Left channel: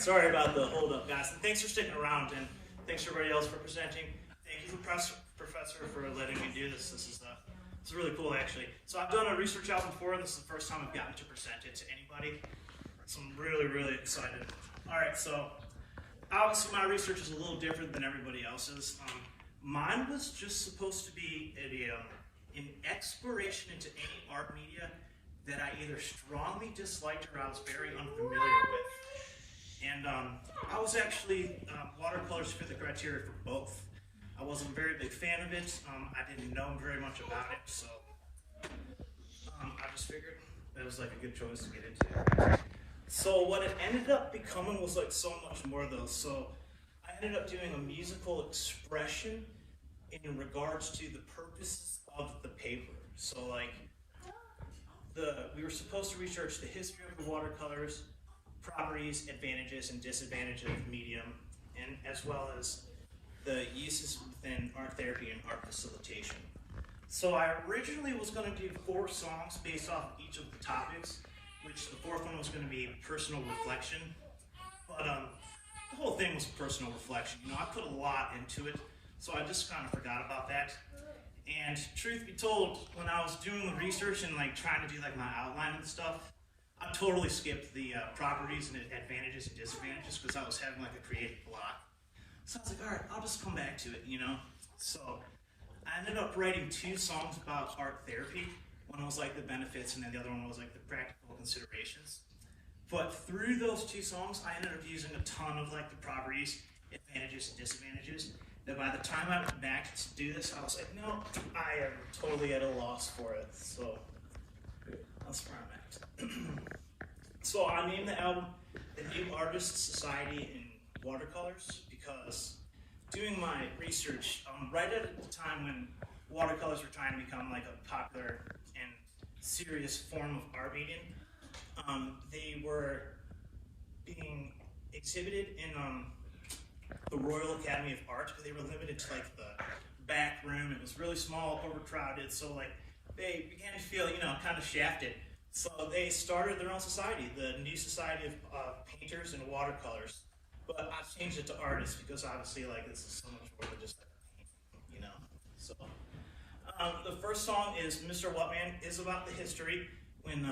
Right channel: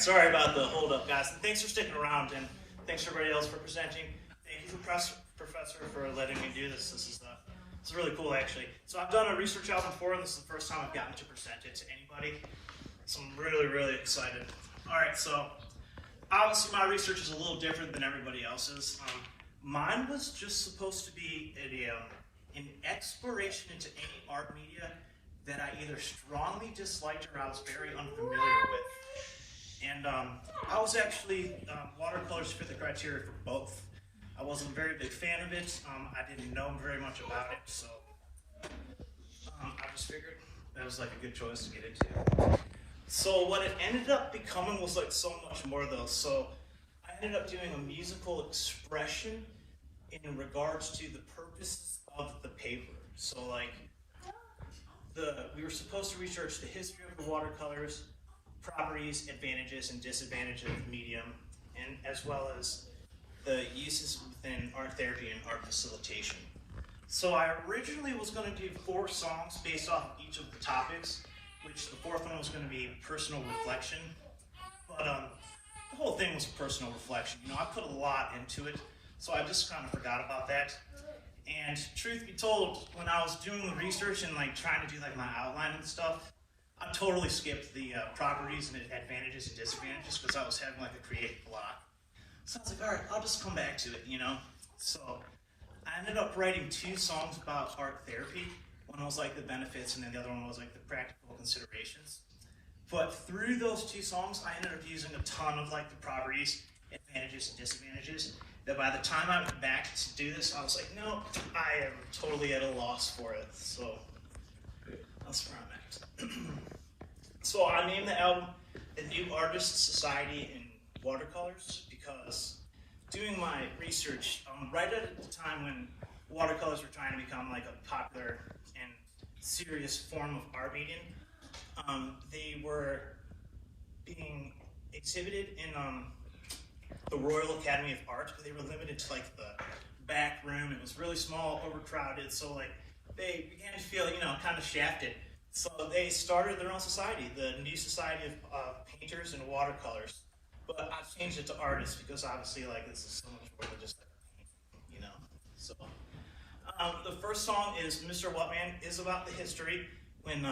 Sorry about the hold up, guys. And thanks for sticking around, and thanks everybody else for presenting. Thank you, Professor, for letting me do this. It's really cool, actually. So I've done a research out before, and this is the first time I've gotten to present it to anybody. So I'm really, really excited. All right, so obviously my research is a little different than everybody else's. Mine was just supposed to be an exploration into any art media that I either strongly disliked or I was very unfamiliar with. And I was actually, watercolors fit the criteria for both. I wasn't a very big fan of it. I didn't know very much about it, so I just figured that was like a good choice to get into. So what it ended up becoming was like so much more though. So I ended up doing a musical expression in regards to the purposes of the paper. So like we were supposed to research the history of the watercolors, properties, advantages, and disadvantages of the medium, and as well as the uses within art therapy and art facilitation. So I originally was going to do 4 songs based off of each of the topics, which the 4th one was going to be personal reflection. But the whole thing was personal reflection. You know, I put a lot into it, so I just kind of forgot about that. And truth be told, when I was doing the research and like trying to do like my outline and stuff, I totally skipped the properties and advantages and disadvantages because I was having like a creative block. So I was like, all right, I'll just come back to it, you know? So I ended up writing 2 songs about art therapy. One was like the benefits, and then the other one was like the practical considerations. But through those 2 songs, I ended up using a ton of like the properties, advantages, and disadvantages. That by the time I went back to do this, I was like, no, I am totally at a loss for it. So that's where I'm at. So I named the album The New Artists Society in Watercolors because doing my research right at the time when watercolors were trying to become like a popular and serious form of art medium, they were being exhibited in the Royal Academy of Art, because they were limited to like the back room. It was really small, overcrowded, so like they began to feel, you know, kind of shafted. So they started their own society, the New Society of Painters and Watercolors. But I changed it to artists because obviously like this is so much more than just like painting, you know. So the first song is Mr. Whatman, is about the history when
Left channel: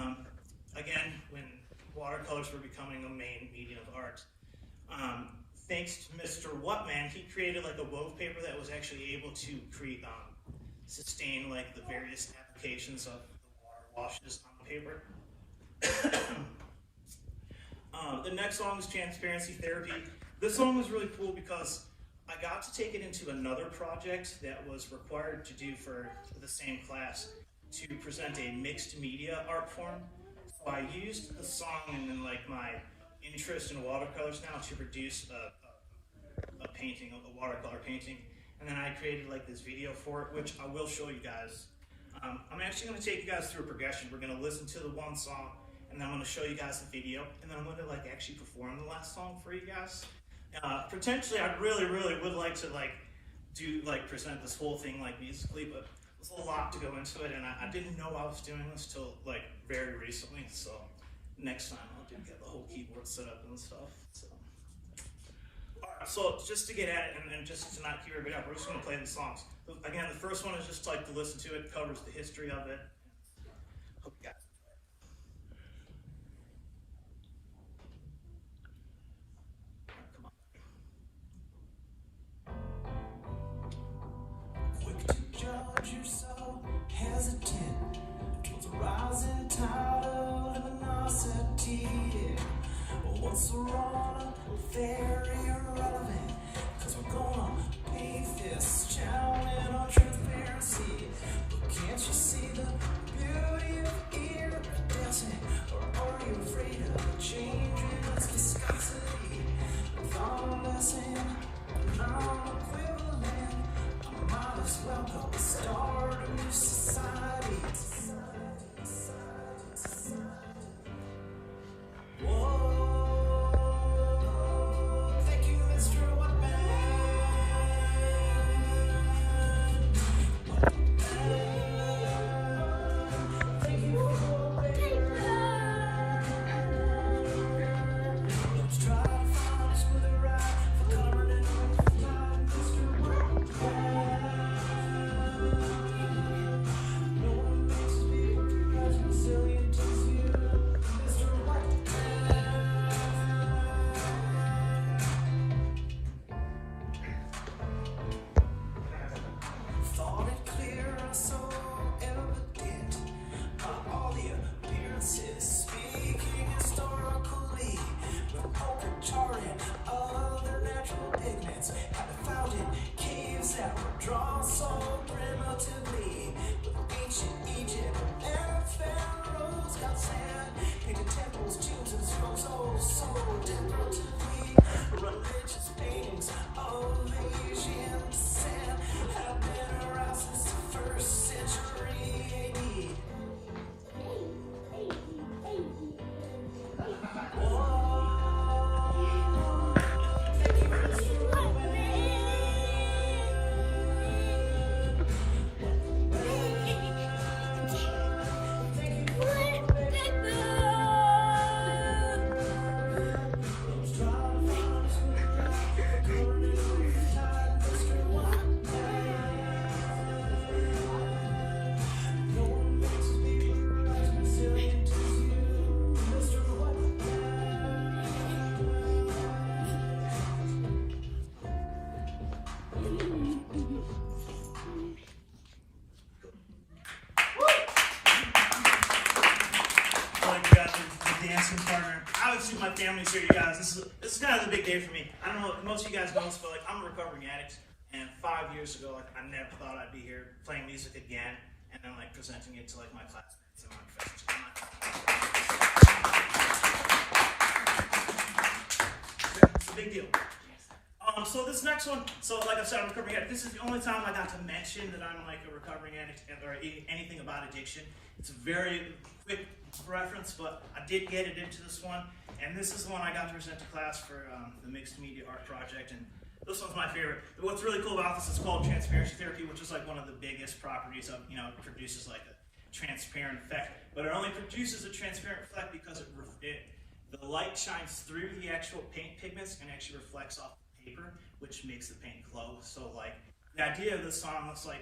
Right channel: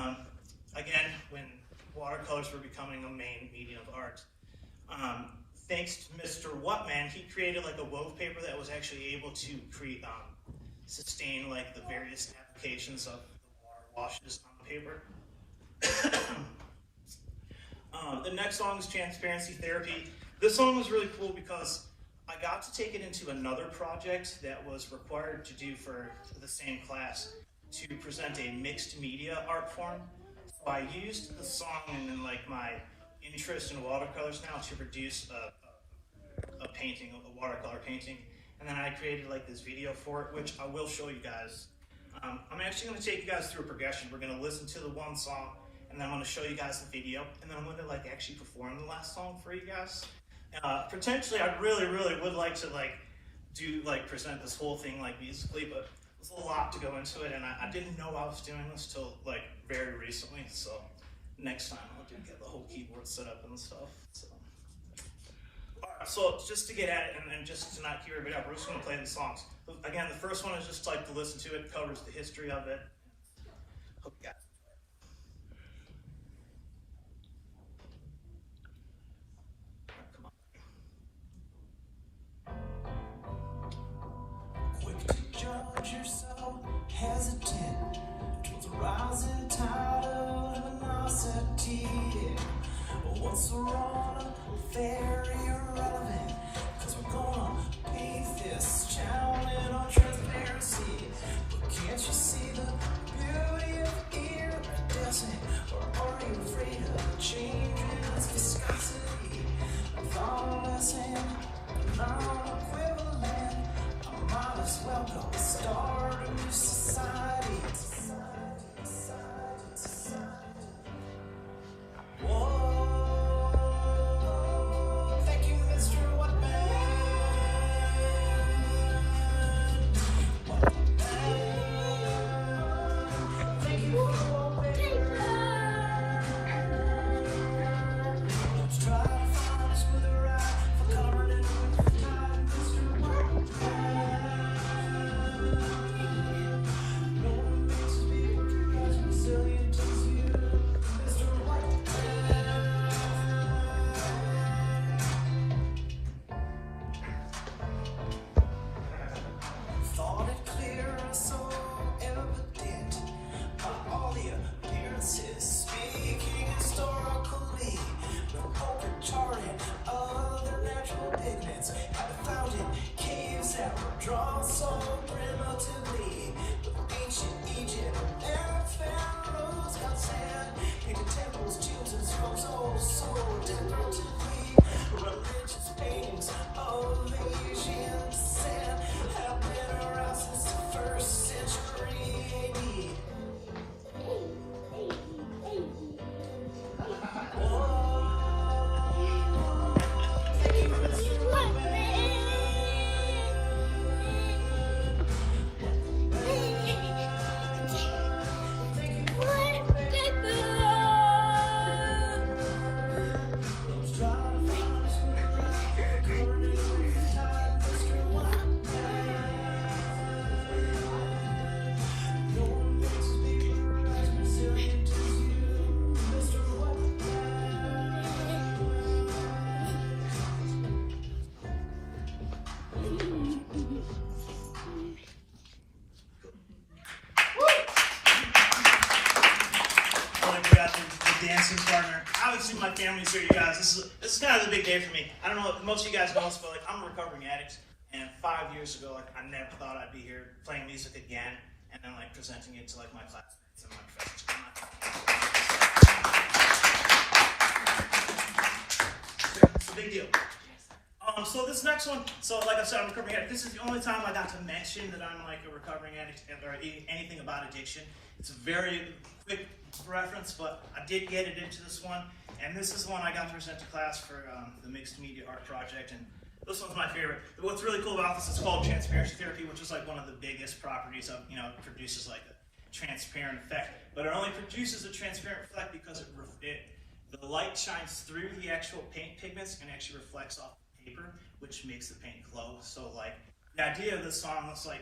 again when watercolors were becoming a main medium of art. Thanks to Mr. Whatman, he created like a wove paper that was actually able to create sustain like the various applications of water washes on the paper. The next song is Transparency Therapy. This song was really cool because I got to take it into another project that was required to do for the same class to present a mixed media art form. So I used the song and then like my interest in watercolors now to produce a painting, a watercolor painting. And then I created like this video for it, which I will show you guys. I'm actually going to take you guys through a progression. We're going to listen to the one song, and then I'm going to show you guys the video, and then I'm going to like actually perform the last song for you guys. Potentially, I really would like to present this whole thing like musically, but there's a lot to go into it, and I didn't know I was doing this till like very recently. So next time I'll get the whole keyboard set up and stuff. So, all right, so just to get at it and just to not keep everybody up, we're just going to play the songs. Again, the first one is just like to listen to it, covers the history of it. Hope you got it. Hesitant towards the rising tide of luminosity. What's wrong? We're very irrelevant, cause we're gonna paint this town in our transparency. But can't you see the beauty of iridescent? Or are you afraid of the change in its viscosity? Convalescent, non-equivalent. I might as well go start a new society. Whoa, thank you, Mr. Whatman. Thank you for your paper. Let's try to find dancing partner. I would see my family's here, you guys. This is kind of the big day for me. I don't know if most of you guys know this, but like I'm a recovering addict, and 5 years ago, like I never thought I'd be here playing music again, and then like presenting it to like my classmates and my professors. It's a big deal. So this next one, so like I said, I'm a recovering addict. This is the only time I got to mention that I'm like a recovering addict or anything about addiction. It's a very quick reference, but I did get it into this one. And this is the one I got to present to class for the mixed media art project. And this one's my favorite. What's really cool about this is called transparency therapy, which is like one of the biggest properties of, it produces like a transparent effect. But it only produces a transparent effect because the light shines through the actual paint pigments and actually reflects off paper, which makes the paint glow. So like the idea of this song looks like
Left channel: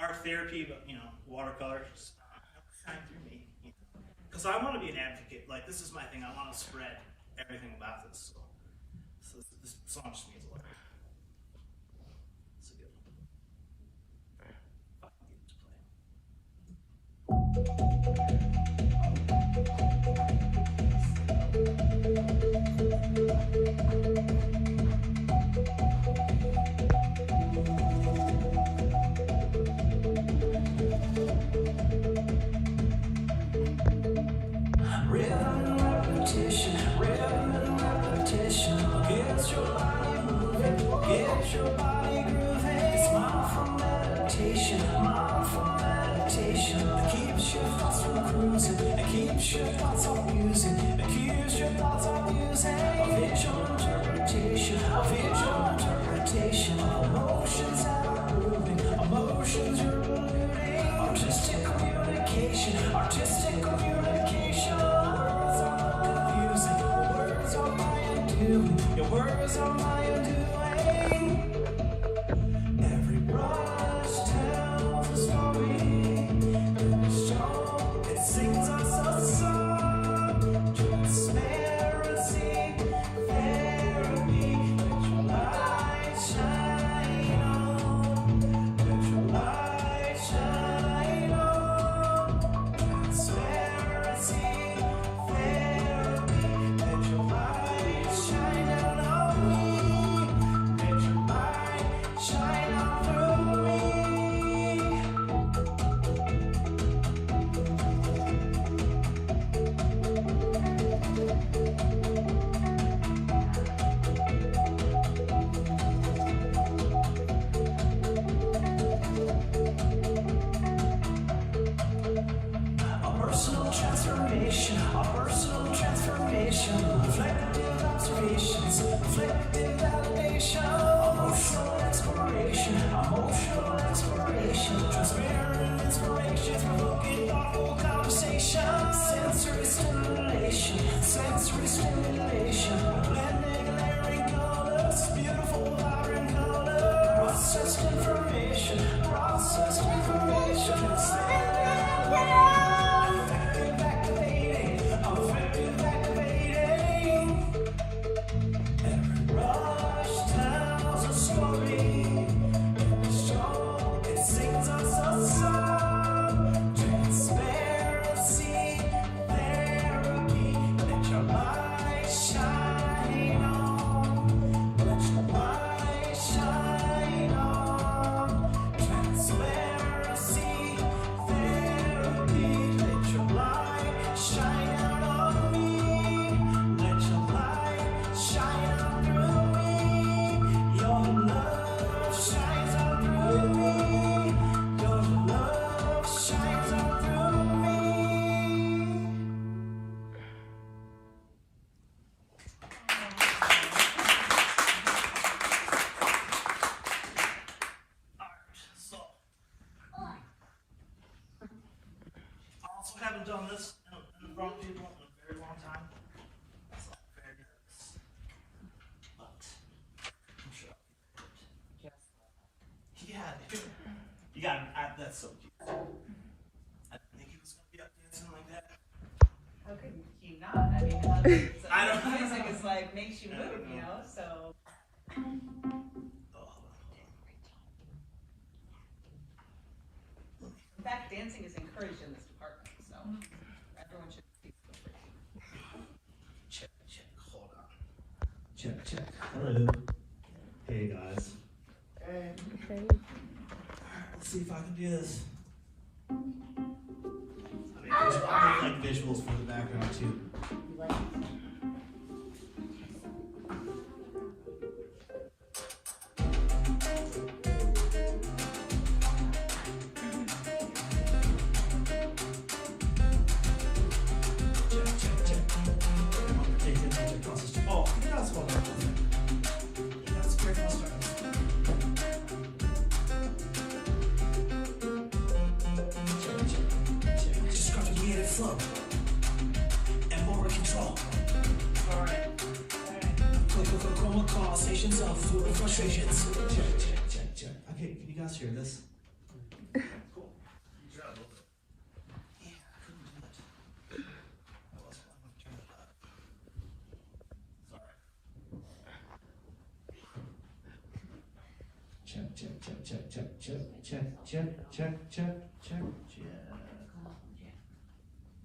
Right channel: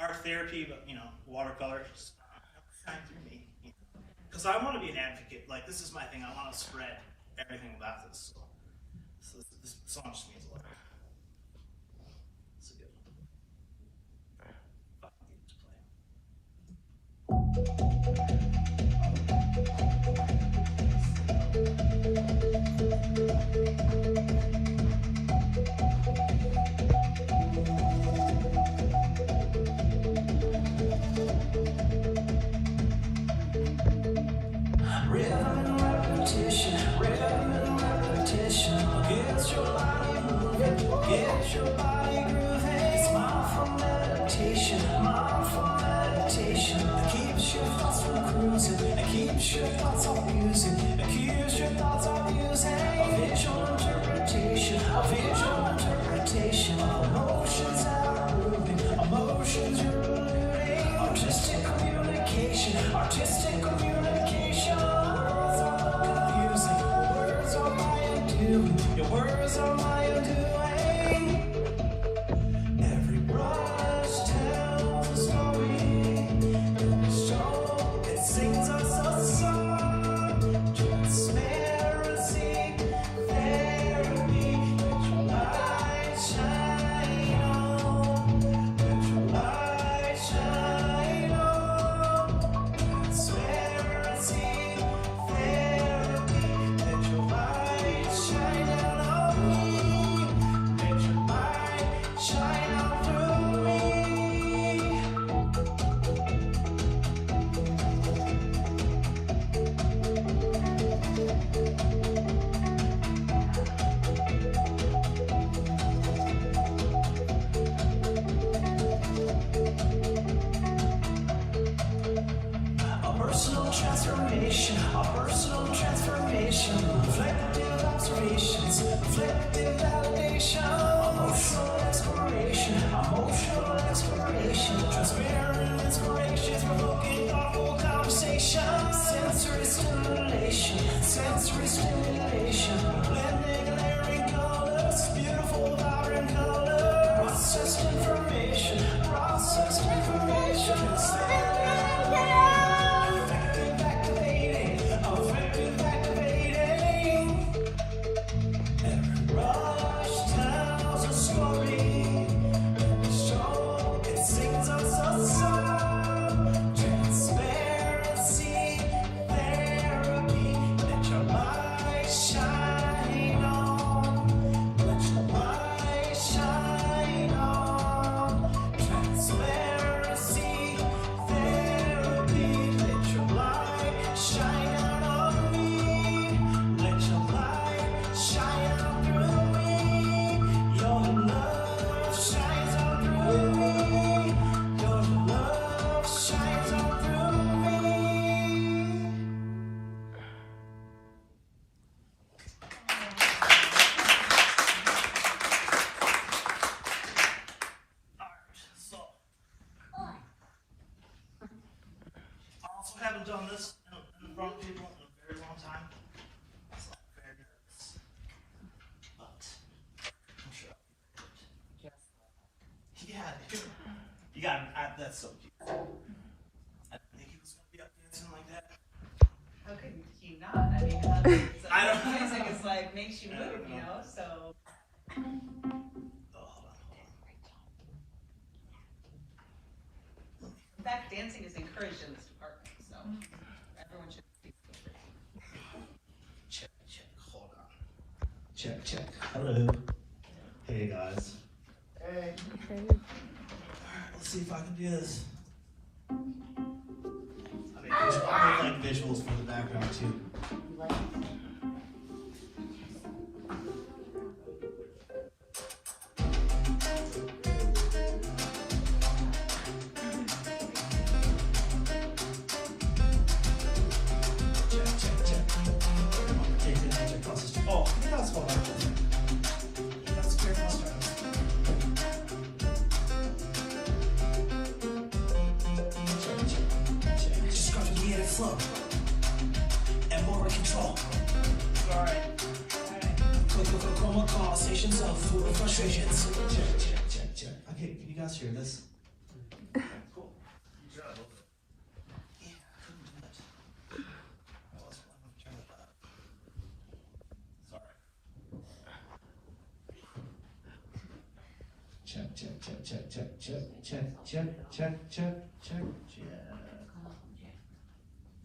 art therapy, but watercolor shine through me. Because I want to be an advocate. Like this is my thing. I want to spread everything about this. So this song just means a lot. It's a good Repetition gets your body moving, gets your body grooving. It's mindful meditation that keeps your thoughts from cruising, that keeps your thoughts on music, that keeps your thoughts on music. A visual interpretation, emotions are moving, emotions are eluding. Artistic communication. Your words are my undoing. Every brush tells a story. Every song it sings us a song. Transparency, therapy. Let your light shine on. Let your light shine on. Transparency, therapy. Let your light shine on me. Let your light shine on through me. A personal transformation, reflective observations, reflective validation, emotional exploration, transparent inspirations, provoking thoughtful conversation, sensory stimulation, blending layering colors, beautiful vibrant color, processed information, effective activating. Every rush tells a story. Every song it sings us a song. Transparency, therapy. Let your light shine on. Let your light shine on. Transparency, therapy. Let your light shine on me. Let your light shine on through me. Your love shines on through me. Your love shines on through me. So, I also haven't done this in front of people in a very long time. So I'm very nervous. But I'm sure. Yeah, dude. You got me. That's so cute. I didn't think he was going to be up dancing like that. How could he not? I mean, that's, I don't know. music is like makes you move, so. Oh, hold on. In fact, dancing is encouraged in this department, so everyone should be. check, check. Hello. Hey guys. Hey. Let's see if I can do this. I really like visuals for the background too. Flow and more control. Sorry. Chroma conversations of food and frustrations. Check, check, check, check. Okay, can you guys hear this? Cool. Try a little bit. Yeah, I couldn't do it. Sorry. Check, check, check, check, check, check, check, check, check, check, check.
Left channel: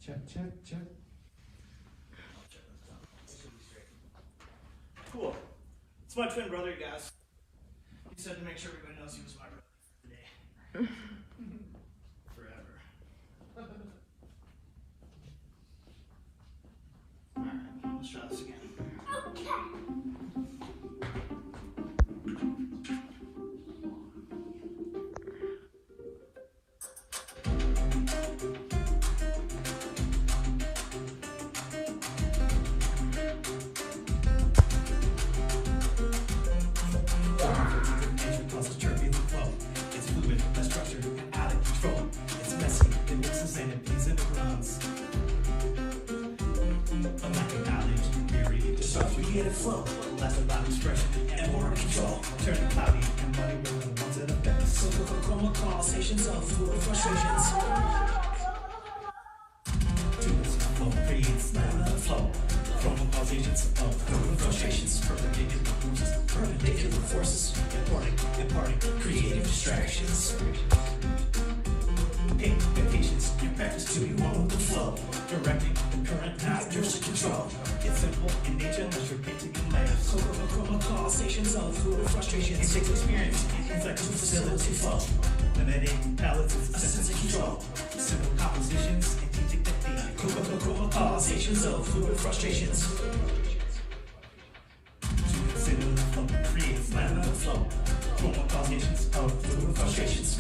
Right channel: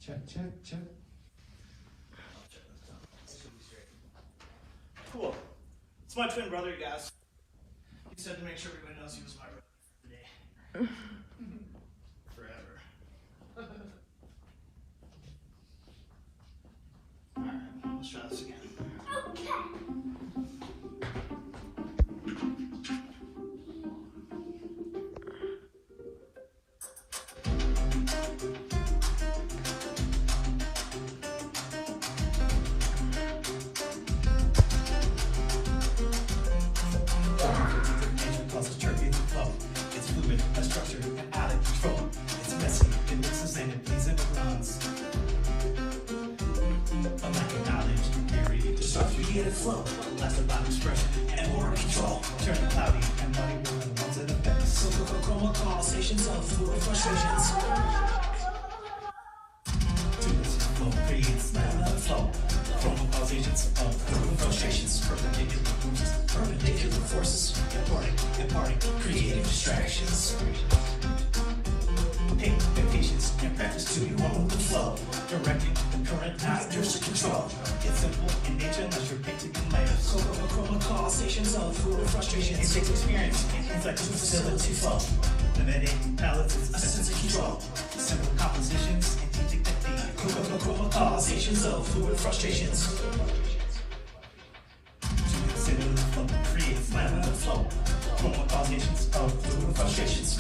Check, check, check. Cool. It's my twin brother, you guys. He said to make sure everybody knows he was my brother today. Forever. Alright, let's try this again. Flow, that's about expression and more control. Turning cloudy and muddy with the ones that affect us. So chroma conversations of food and frustrations. To this flow creates another flow. Chroma causations of food and frustrations. Perpendicular forces, imparting creative distractions. Pain and patience and practice to you own the flow. Directing the current, not yours to control. It's simple in nature, unless you're painting in light. So chroma conversations of food and frustrations. It takes experience and insight to facility flow. Limiting palettes is a sense of control. Simple compositions and deep dignity. Chroma conversations of food and frustrations. Creates laminar flow. Chroma causations of food and frustrations.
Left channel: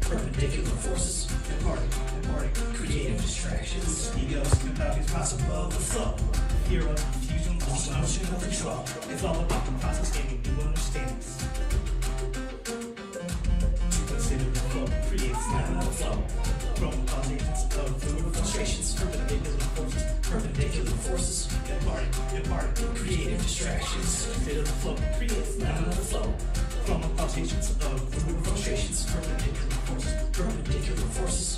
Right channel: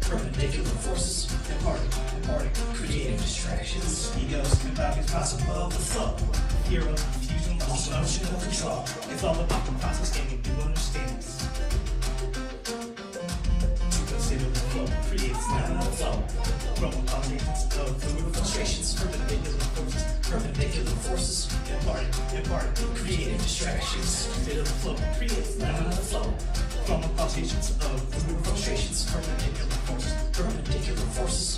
Perpendicular forces, imparting creative distractions. Egos and values possible of the flow. Hero fusion, lost notion of control. It's all about the process gaining new understandings. To consider the flow creates laminar flow. Chroma causations of food and frustrations. Perpendicular forces, imparting creative distractions. Consider the flow creates laminar flow. Chroma causations of food and frustrations. Perpendicular forces,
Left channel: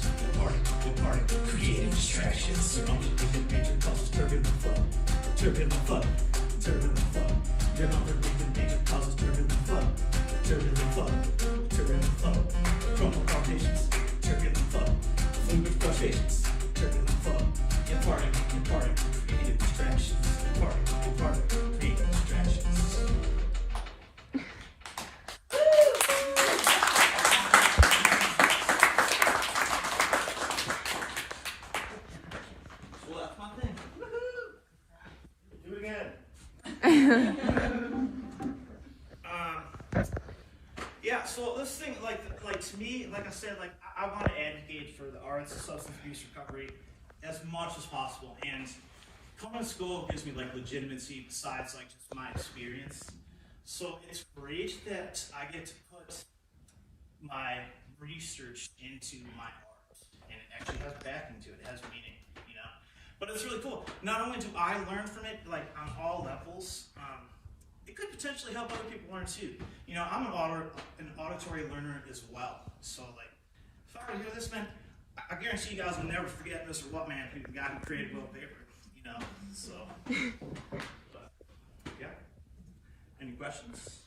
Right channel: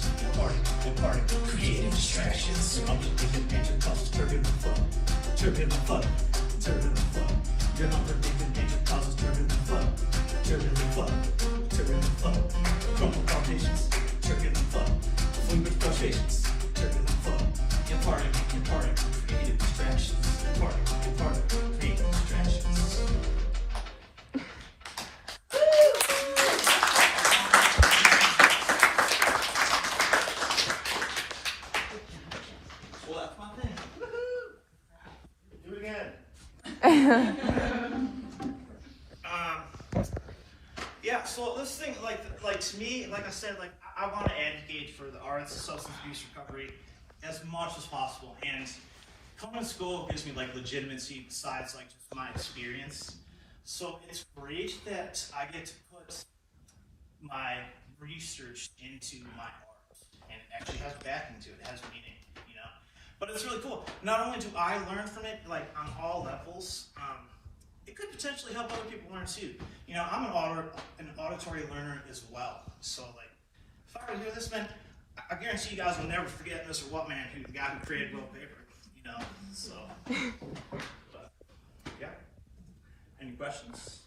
imparting creative distractions. Unpredicted nature causes turbulent flow. Turbulent flow. Turbulent flow. Your unpredicted nature causes turbulent flow. Turbulent flow. Turbulent flow. Chroma causations. Turbulent flow. Fluid frustrations. Turbulent flow. Imparting creative distractions. Imparting creative distractions. Yeah, so this thing, like to me, like I said, like I want to advocate for the arts and substance abuse recovery as much as possible. And coming to school gives me like legitimacy besides like just my experience. So it's great that I get to put my research into my art, and it actually has backing to it. It has meaning, you know. But it's really cool. Not only do I learn from it, like on all levels, it could potentially help other people learn too. You know, I'm an auditory learner as well. So like, if I were to hear this, man, I guarantee you guys will never forget Mr. Whatman, the guy who created wallpaper. You know, so. But, yeah. Any questions?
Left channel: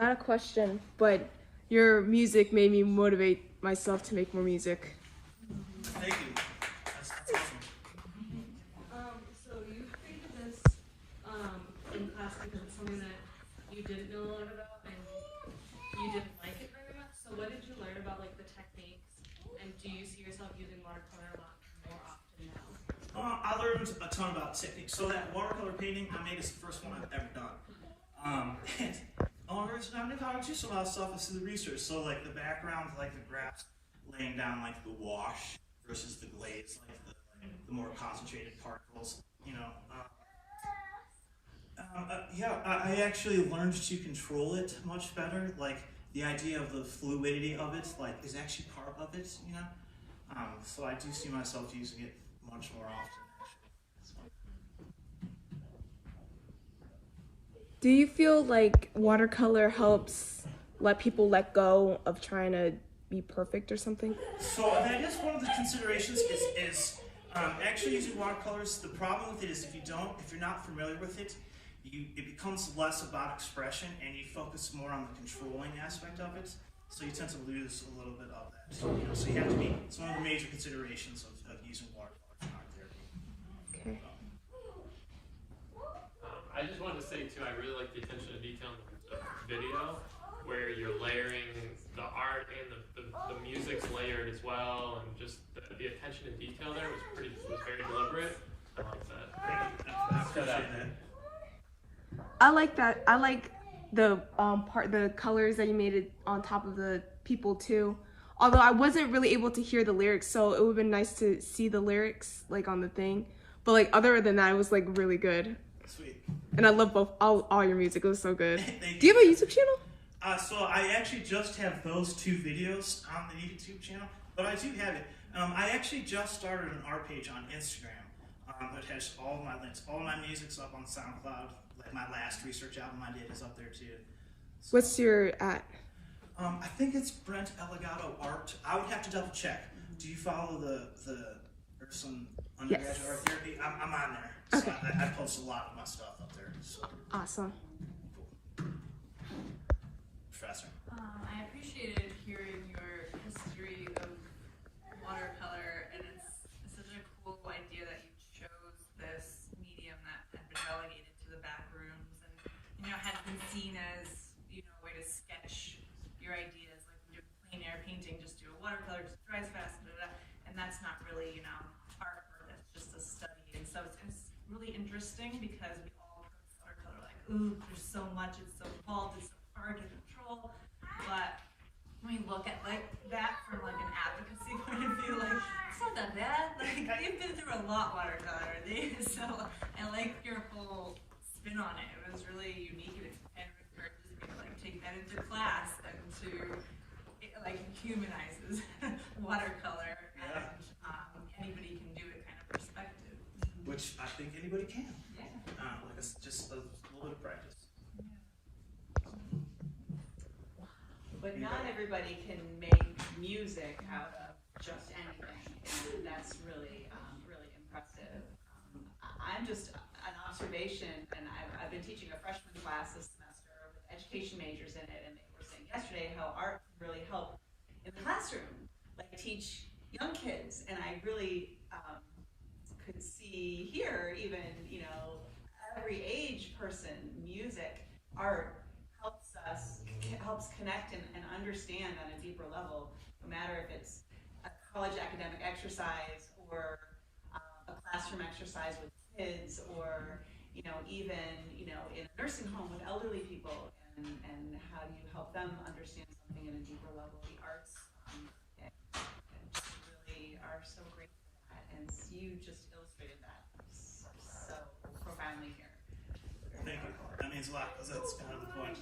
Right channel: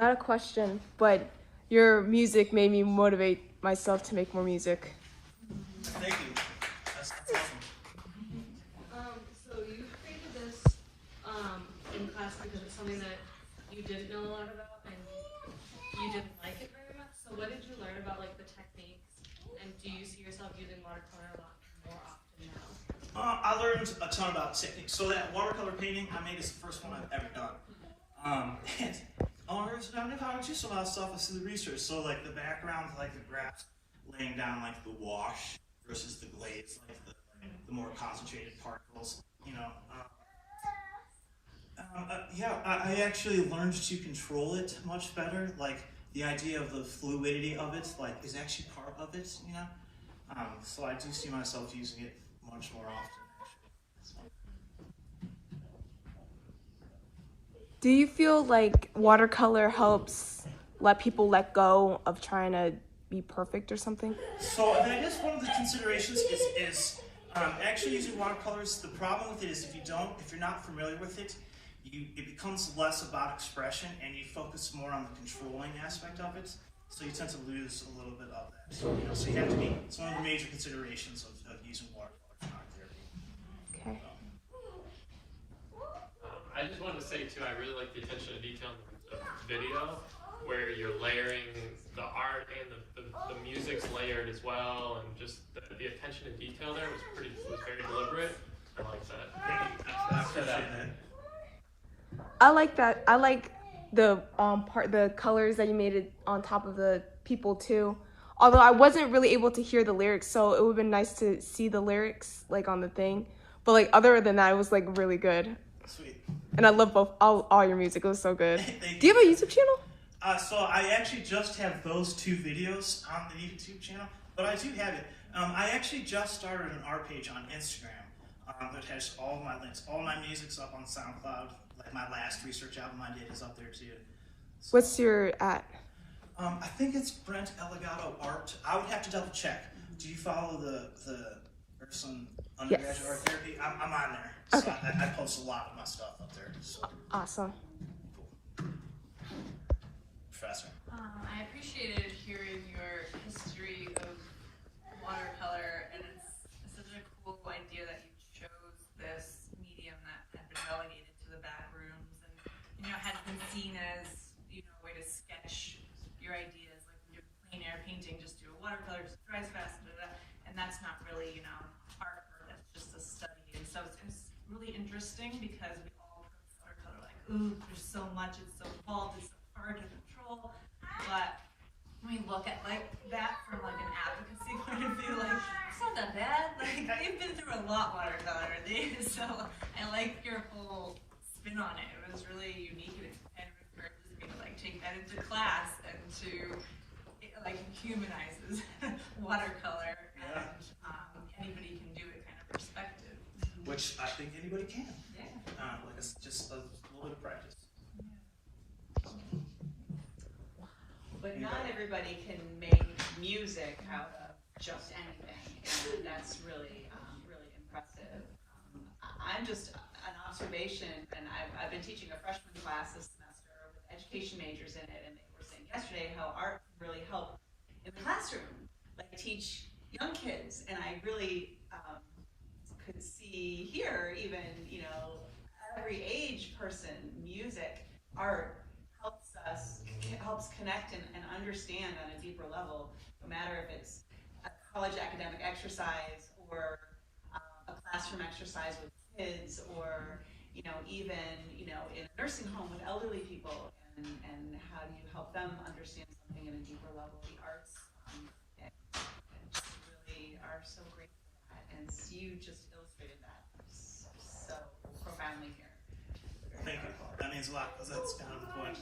Not a question, but your music made me motivate myself to make more music. Thank you. That's awesome. So you created this because it's something that you didn't know a lot about and you didn't like it very much. So what did you learn about like the techniques, and do you see yourself using watercolor a lot more often now? I learned a ton about techniques. So that watercolor painting I made is the first one I've ever done. And I learned how to do some of that stuff through the research. So like the background, like the graphs, laying down like the wash versus the glaze, like the more concentrated particles, you know. I actually learned to control it much better. Like the idea of the fluidity of it, like is actually part of it, you know. So I do see myself using it much more often. Do you feel like watercolor helps let people let go of trying to be perfect or something? So I guess one of the considerations is actually using watercolors. The problem with it is if you're not familiar with it, it becomes less about expression and you focus more on the controlling aspect of it. So you tend to lose a little bit of that. So you have to be. It's one of the major considerations of using watercolor in art therapy. Okay. I just wanted to say too, I really like the attention to detail in the video, where you're layering the art and the music's layered as well, and just the attention to detail there was very deliberate. I like that. Thank you. I appreciate that. I like that. I like the the colors that you made it on top of the people too. Although I wasn't really able to hear the lyrics, so it would have been nice to see the lyrics like on the thing. But like other than that, it was like really good. Sweet. And I love all your music. It was so good. Thank Do you have a YouTube channel? So I actually just have those 2 videos on the YouTube channel, but I do have it. I actually just started an art page on Instagram that has all of my links. All my music's up on SoundCloud. Like my last research album I did is up there too. So, What's your at? I think it's Brent Elegato Art. I would have to double check. Do you follow the Urson undergraduate art therapy? I'm on there. So Okay. I post a lot of my stuff up there. So Awesome. cool. Professor. I appreciated hearing your history of watercolor, and it's such a cool idea that you chose this medium that had been relegated to the back rooms and, had been seen as, a way to sketch your ideas, like when you do plein air painting, just do a watercolor, just dries fast, and that's not really, art, that's just a study. And so it's really interesting because we all approach watercolor like, ooh, there's so much, it's so bold, it's so hard to control. But when we look at like that from like an advocacy point of view, like it's not that bad. Like they've been through a lot, watercolor. So I like your whole spin on it. It was really unique and encourages me to like take that into class and to it like humanizes watercolor and anybody can do it kind of perspective. Which I think anybody can. Yeah. Like it's just a little bit of practice. But not everybody can make music out of just anything. And that's really, really impressive. I'm just an observation, and I've been teaching a freshman class this semester with education majors in it, and they were saying yesterday how art can really help in the classroom, like teach young kids. And I really could see here, even, every age person, music, art helps connect and understand on a deeper level, no matter if it's a college academic exercise or a classroom exercise with kids, or even in a nursing home with elderly people, and how do you help them understand something in a deeper level. The arts just really are so great for that, and you just illustrated that so profoundly here. Thank you. That means a lot because that's kind of the point.